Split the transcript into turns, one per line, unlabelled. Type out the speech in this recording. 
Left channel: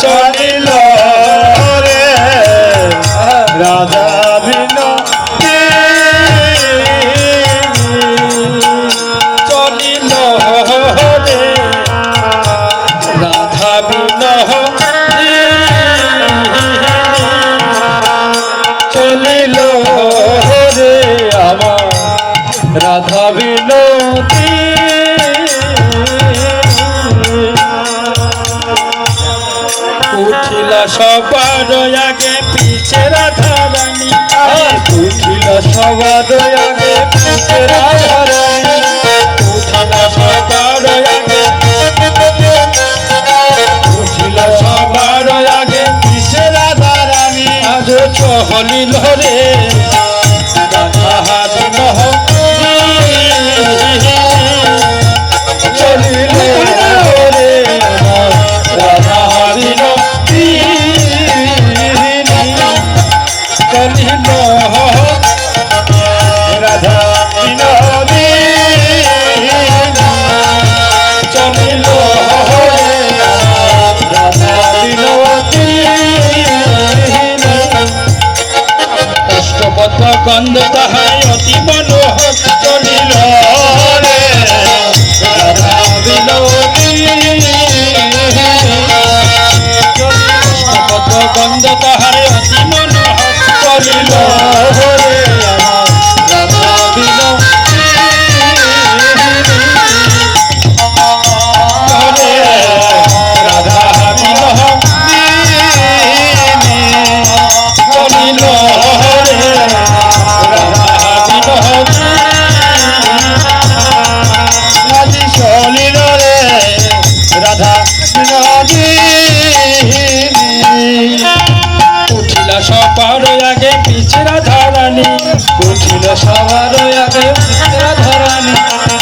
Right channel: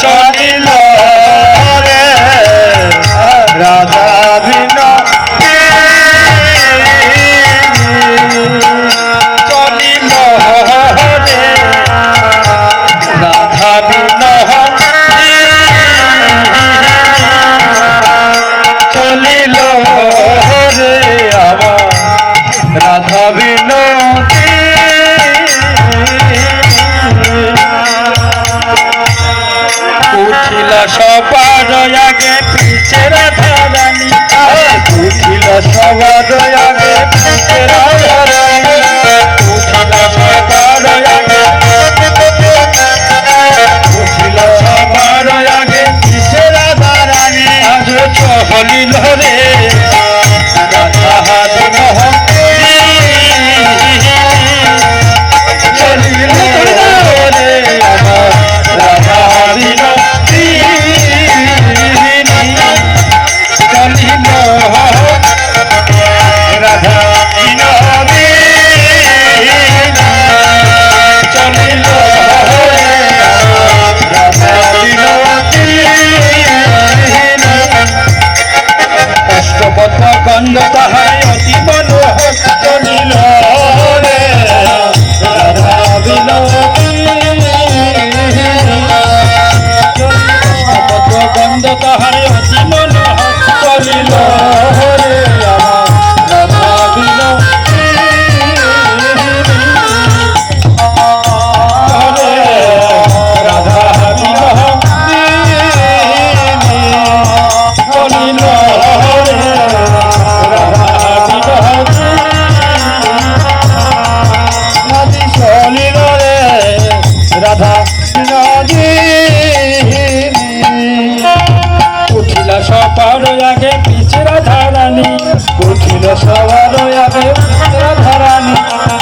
চলে না। সবার আগে পিছে রাধা রানী। উঠিল সবার আগে পিছে রাধা রানী। উঠিল সবার আগে উঠিল আজ চহলিল সবার ধরানি